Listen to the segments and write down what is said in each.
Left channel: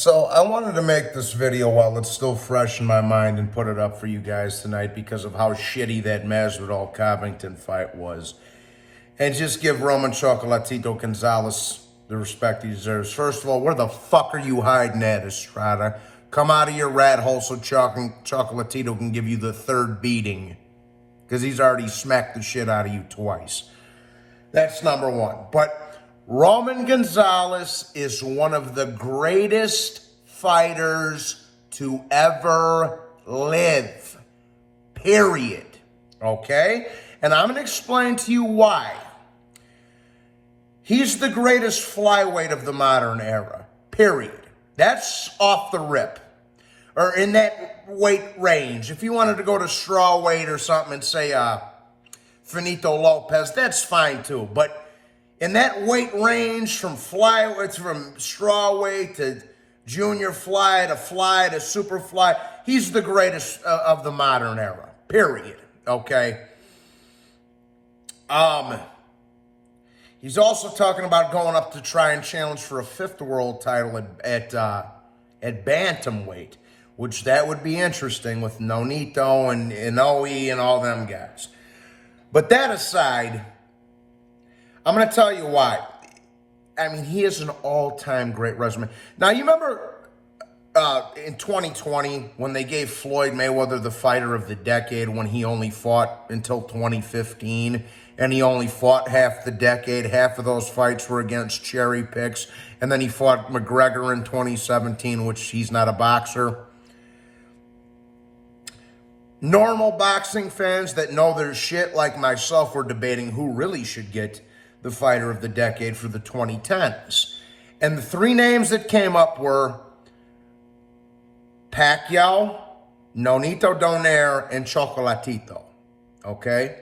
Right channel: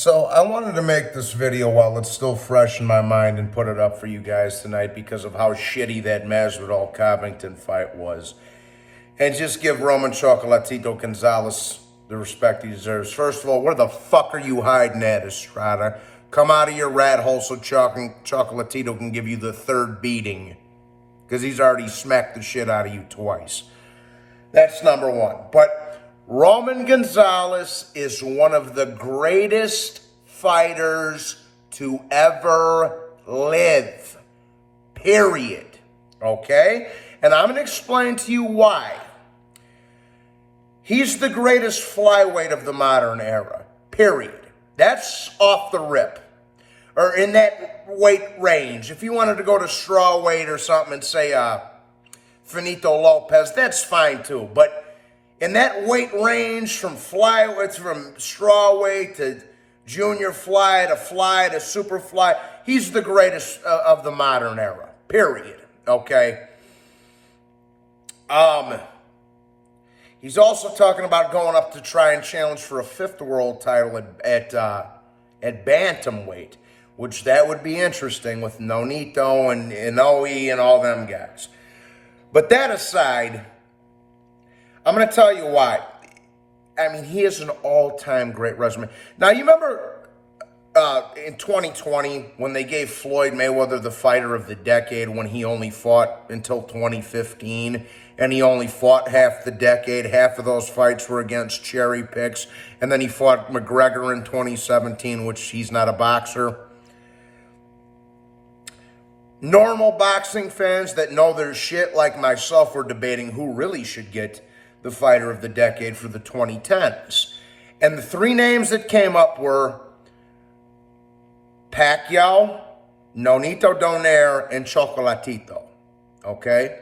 So I wanted to make this video while it's still fresh in my mind and put it up for you guys tonight because of how shitty that Masvidal Covington fight was. And just give Roman Chocolatito Gonzalez the respect he deserves. First of all, where the fuck are you hiding at, Estrada? Come out of your rat hole so Chocolatito can give you the third beating. Because he's already smacked the shit out of you twice. That's number one. But Roman Gonzalez is one of the greatest fighters to ever live. Period. Okay? And I'm going to explain to you why. He's the greatest flyweight of the modern era. Period. That's off the rip. Or in that weight range. If you wanted to go to straw weight or something and say Finito Lopez, that's fine too. But in that weight range from flyweight, from straw weight to junior fly to super fly, he's the greatest of the modern era. Period. Okay? He's also talking about going up to try and challenge for a fifth world title at bantamweight, which that would be interesting with Nonito and Inoue and all them guys. But that aside, I'm going to tell you why. I mean, he has an all-time great resume. Now, you remember in 2020 when they gave Floyd Mayweather the fighter of the decade when he only fought until 2015, and he only fought half the decade. Half of those fights were against cherry picks, and then he fought McGregor in 2017, which he's not a boxer. Normal boxing fans that know their shit, like myself, were debating who really should get the fighter of the decade for the 2010s. And the three names that came up were Pacquiao, Nonito Donaire, and Chocolatito. Okay?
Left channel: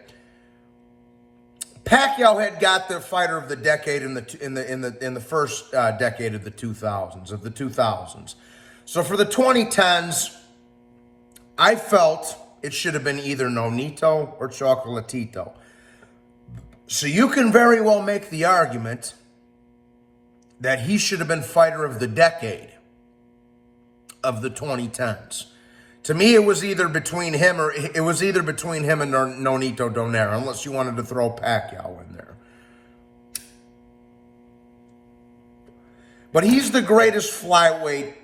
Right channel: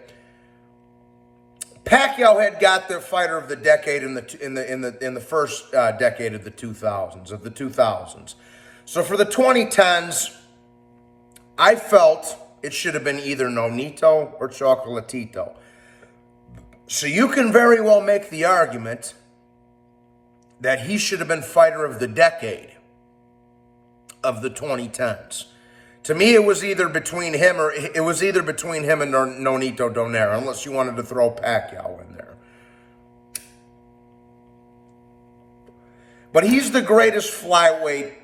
Pacquiao had got their fighter of the decade in the first decade of the 2000s. So for the 2010s, I felt it should have been either Nonito or Chocolatito. So you can very well make the argument that he should have been fighter of the decade of the 2010s. To me, it was either between him and Nonito Donaire, unless you wanted to throw Pacquiao in there. But he's the greatest flyweight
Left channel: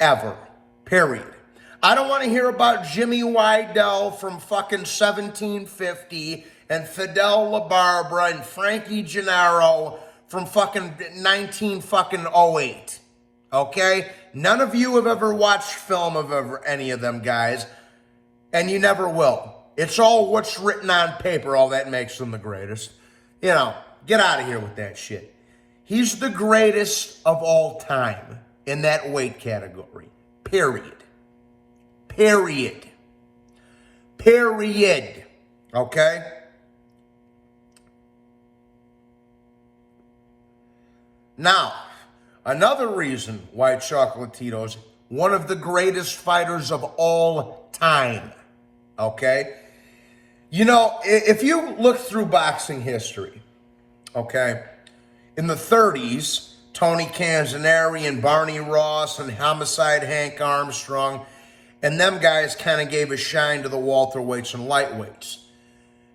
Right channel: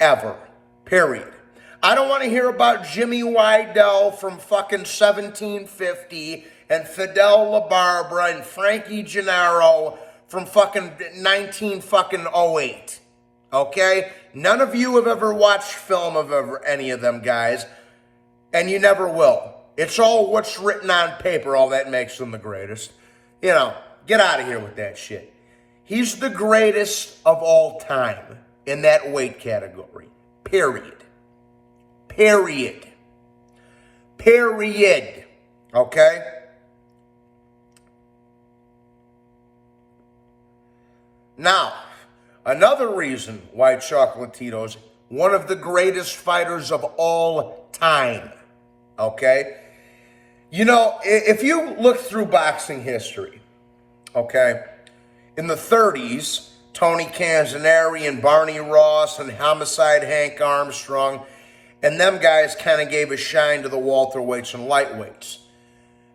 ever. Period. I don't want to hear about Jimmy Wydell from fucking 1750 and Fidel LaBarbera and Frankie Gennaro from fucking 1908. Okay? None of you have ever watched film of any of them guys, and you never will. It's all what's written on paper, all that makes them the greatest. You know, get out of here with that shit. He's the greatest of all time in that weight category. Period. Period. Period. Okay? Now, another reason why Chocolatito's one of the greatest fighters of all time. Okay? You know, if you look through boxing history, okay, in the 30s, Tony Canzoneri and Barney Ross and Homicide Hank Armstrong, and them guys kind of gave a shine to the welterweights and lightweights.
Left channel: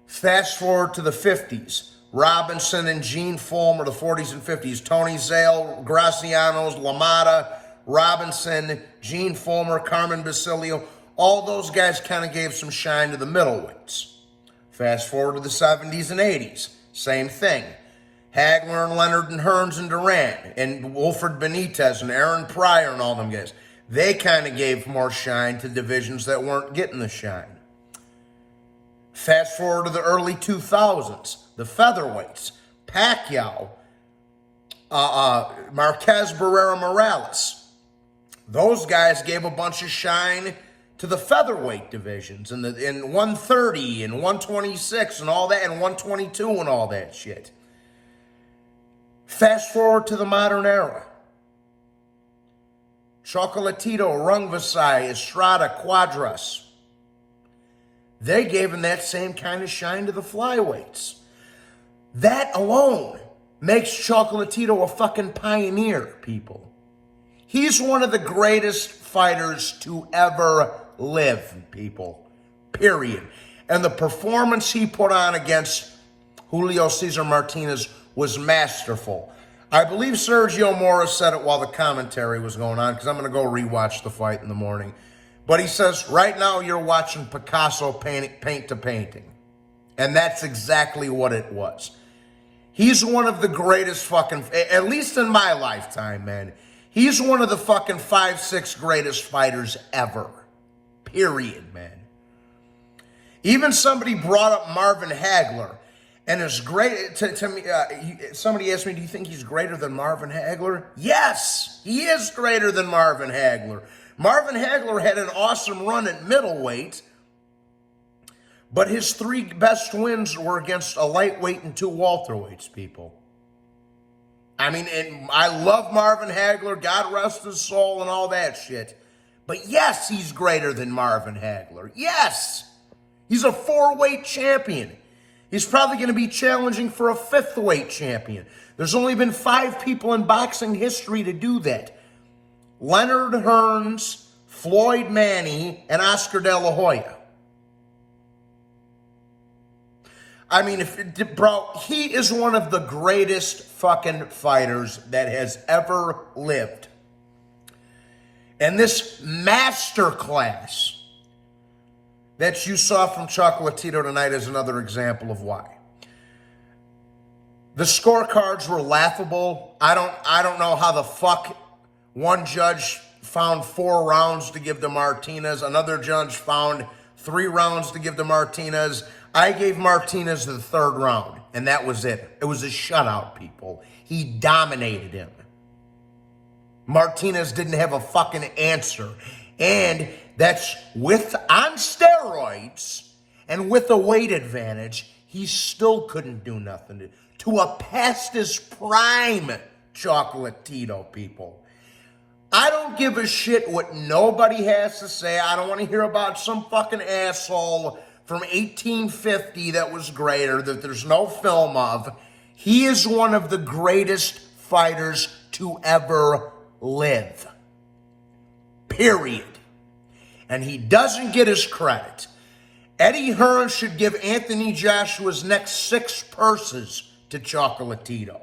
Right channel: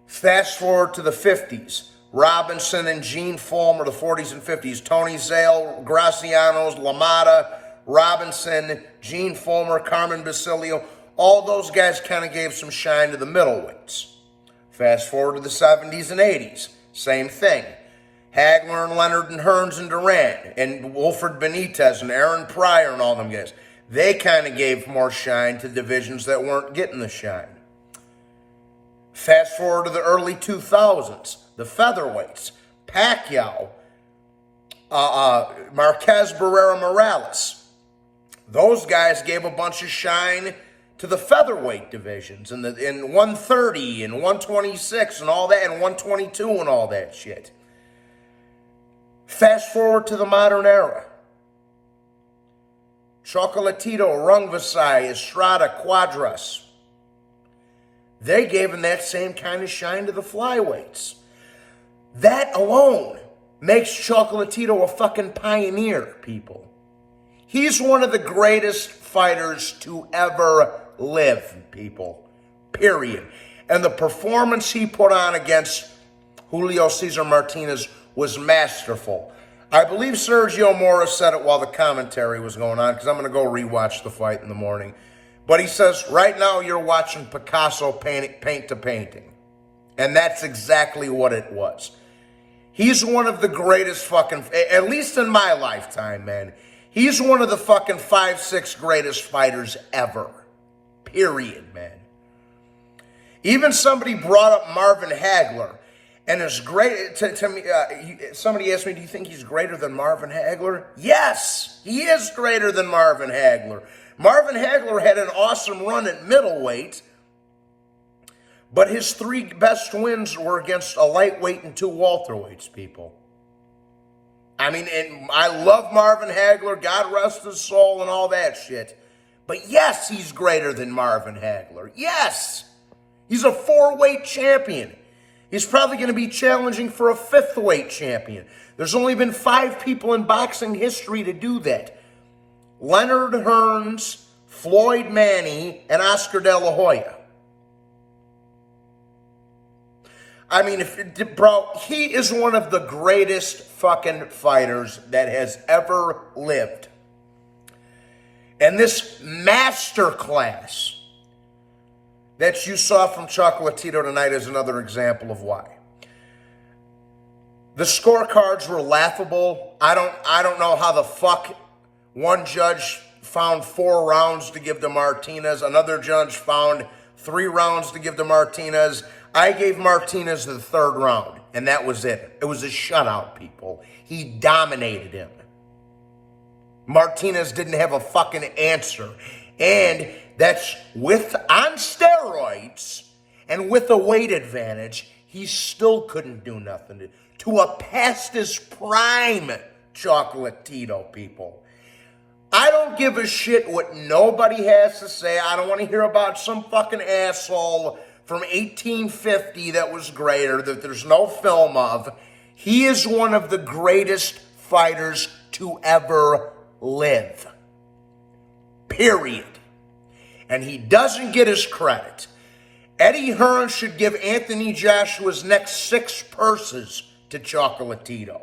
Fast forward to the 50s. Robinson and Gene Fulmer, the 40s and 50s. Tony Zale, Gracianos, LaMotta, Robinson, Gene Fulmer, Carmen Basilio. All those guys kind of gave some shine to the middleweights. Fast forward to the 70s and 80s. Same thing. Hagler and Leonard and Hearns and Duran and Wilfred Benitez and Aaron Pryor and all them guys. They kind of gave more shine to divisions that weren't getting the shine. Fast forward to the early 2000s. The featherweights, Pacquiao, Marquez Barrera Morales. Those guys gave a bunch of shine to the featherweight divisions in 130 and 126 and all that, and 122 and all that shit. Fast forward to the modern era. Chocolatito, Rungvisai, Estrada, Quadras. They gave him that same kind of shine to the flyweights. That alone makes Chocolatito a fucking pioneer, people. He's one of the greatest fighters to ever live, people. Period. And the performance he put on against Julio Cesar Martinez was masterful. I believe Sergio Mora said it while the commentary was going on, because I'm going to go rewatch the fight in the morning. But he says, right now you're watching Picasso paint to painting. And that's exactly what it was. He's one of the greatest fucking, at least in my lifetime, man. He's one of the fucking 5-6 greatest fighters ever. Period, man. Even somebody brought up Marvin Hagler. And it's great to me. Somebody asked me, do you think he's greater than Marvin Hagler? Yes, he is greater than Marvin Hagler. Marvin Hagler had an awesome run at middleweight, but his 3 best wins were against a lightweight and 2 welterweights, people. I mean, and I love Marvin Hagler, God rest his soul and all that shit. But yes, he's greater than Marvin Hagler. Yes, he's a 4-weight champion. He's probably going to be challenging for a 5th weight champion. There's only been 5 people in boxing history to do that. Leonard Hearns, Floyd Manny, and Oscar De La Hoya. I mean, bro, he is one of the greatest fucking fighters that has ever lived. And this masterclass that you saw from Chocolatito tonight is another example of why. The scorecards were laughable. I don't know how the fuck one judge found 4 rounds to give to Martinez. Another judge found 3 rounds to give to Martinez. I gave Martinez the 3rd round, and that was it. It was a shutout, people. He dominated him. Martinez didn't have a fucking answer. And that's on steroids and with a weight advantage, he still couldn't do nothing to a past his prime Chocolatito, people. I don't give a shit what nobody has to say. I don't want to hear about some fucking asshole from 1850 that was greater, that there's no film of. He is one of the greatest fighters to ever live. Period. And he doesn't get his credit. Eddie Hearn should give Anthony Joshua's next 6 purses to Chocolatito.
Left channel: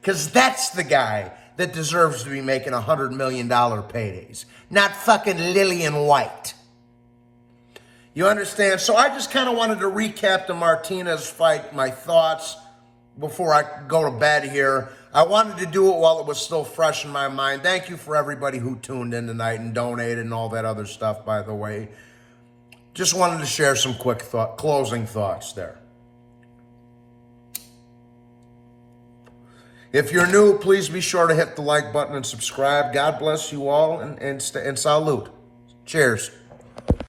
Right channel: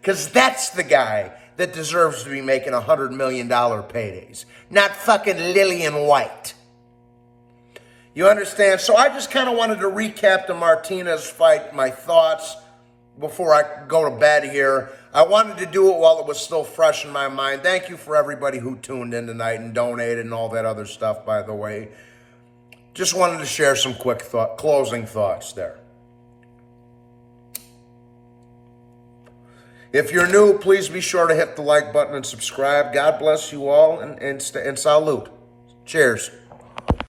Because that's the guy that deserves to be making $100 million paydays. Not fucking Lillian White. You understand? So I just kind of wanted to recap the Martinez fight, my thoughts, before I go to bed here. I wanted to do it while it was still fresh in my mind. Thank you for everybody who tuned in tonight and donated and all that other stuff, by the way. Just wanted to share some quick closing thoughts there. If you're new, please be sure to hit the like button and subscribe. God bless you all and salute. Cheers.